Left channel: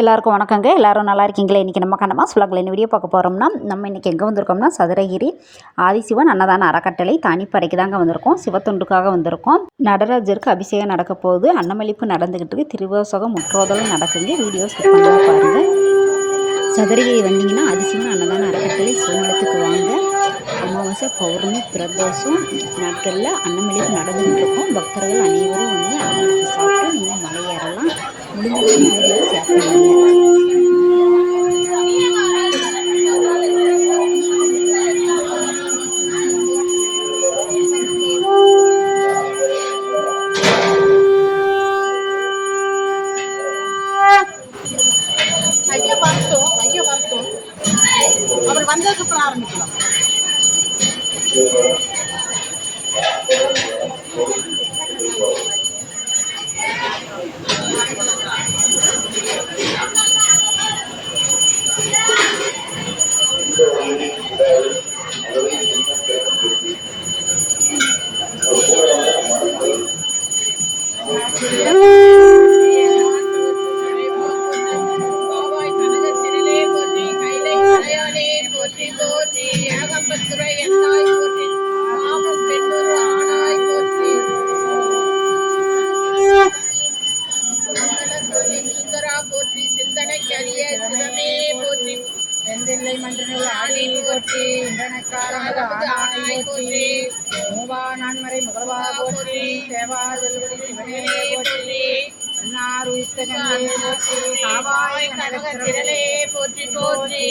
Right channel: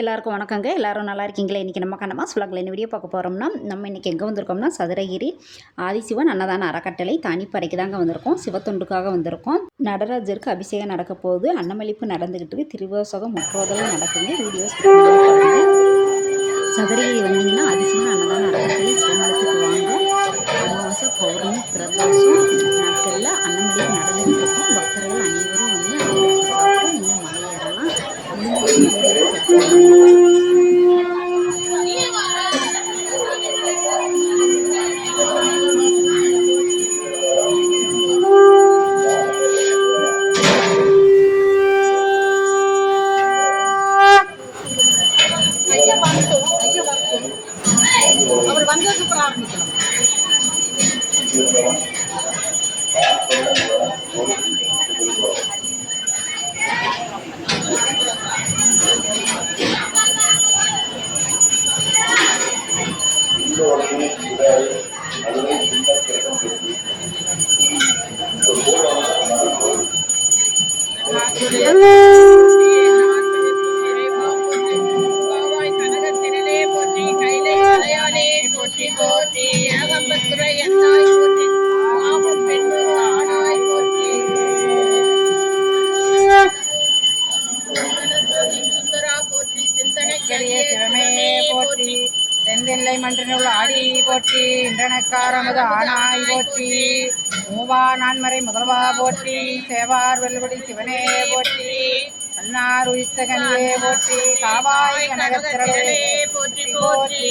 எல்லாருக்கும் வணக்கங்க. எல்லோரும் நல்லா இருக்கீங்களா? இன்றைக்கி நம்ம கண்ணம்மா சுலகில் என்ன வீடியோ பார்க்க போகிறோம்னா, நம்ம இன்றைக்கி எங்கே வந்திருக்கோம்னா, சதுரகிரி ஆதிசிவன் அன்னதான அறக்கட்டளை தனிப்படைக்கு தாங்க வந்திருக்கோம். சிவத்தொண்டுக்காக வந்திருக்கோம். நடராஜருக்கு அபிஷேகம் நடக்க போகுது. அன்னமளிப்பு நடந்துக்கிட்டு இருக்கு. திருவாசகம் முற்றோதலும் நடக்குங்க. வீடியோ ஸ்கிப் பண்ணாமல் பாருங்கள். சதுரகிரி வந்தீங்கன்னா ஆதிசிவன் அன்னதான அறக்கட்டளை சிவமலத்துக்கு வாங்க. அமாவாசை பௌர்ணமி பிரதோஷம் நாட்களில் அன்னமளிப்பு நடந்துக்கிட்டு இருக்கும். பக்தர்கள் அனைவரும் வந்து அன்னமளிப்பு சாப்பிட்டு நீங்கள் மலையேறலாம். முடிஞ்சவங்க வீடியோ ஷேர் பண்ணுங்க. அவர் வந்த சுற்ற ஆரம்பிக்கலாம். செந்தில்லை மன்றினுள் ஆடி போற்றி இன்றனக்காரமது ஆனாய் போற்றி மூவா நான்மறை முதல்வா போற்றி சேவார் வெல்வடி சிவனே போற்றி அன்னார் உயிர்த்தகனியே போற்றி காவாய் கனகத்திரளே போற்றி போற்றி.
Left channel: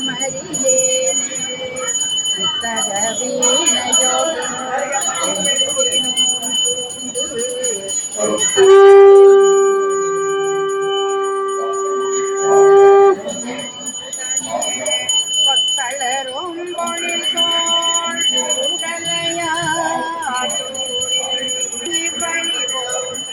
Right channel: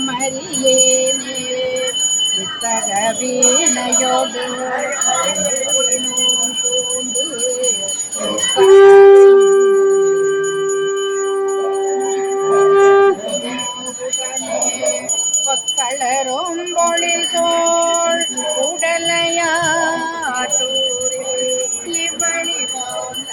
அதிசயமறியேனே இத்தக வீணையோடு நூன் பூண்டு பக்களரும் பொழில் தோள் உடலையாற்றூரில் இவ்வழி போந்த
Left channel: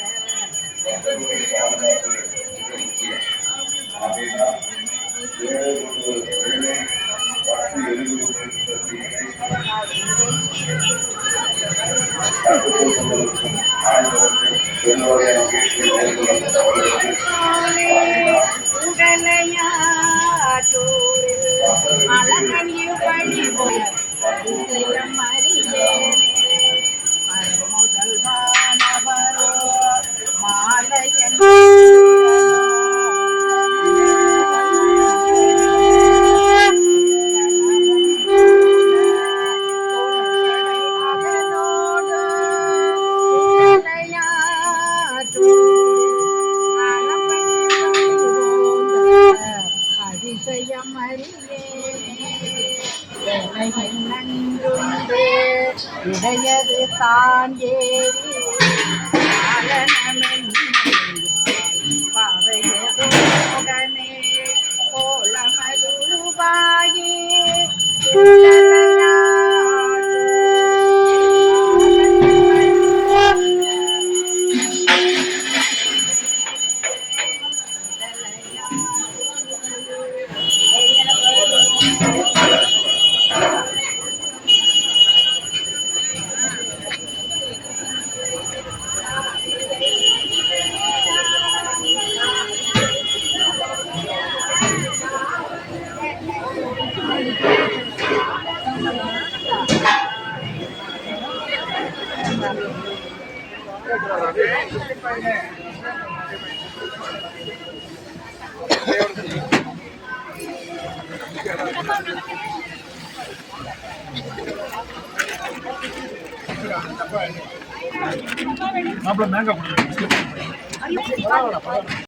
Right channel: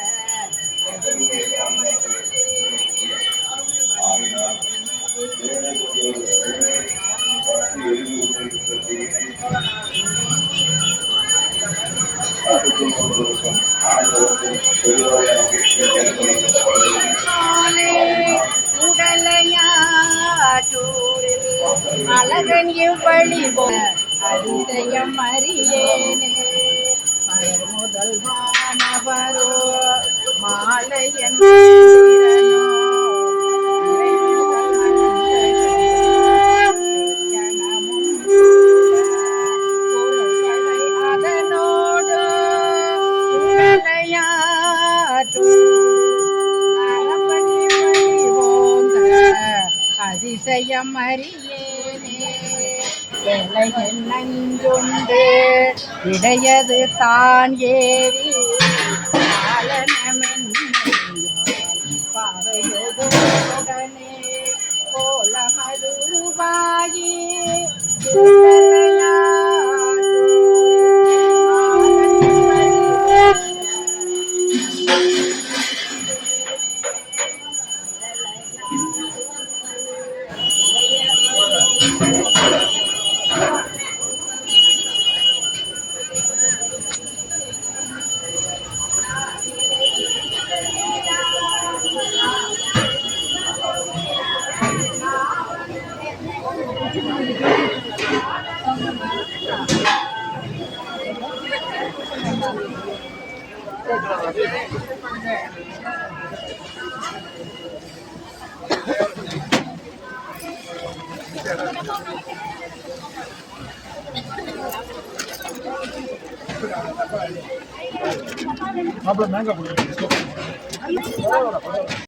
உடலையாற்றூரில் அழகன் இவ்வழி அதிசயம் அறியேனே மலர் முதல் வானவரோ மாலையன் அதனோடு அதிசயம் அறியேனே வேலையின் நஞ்சுண்டு இடையது தான் ஏறி பாவையுடனே கோலமதுவாயி மாப்பிள்ள மேங்கா கொடுங்க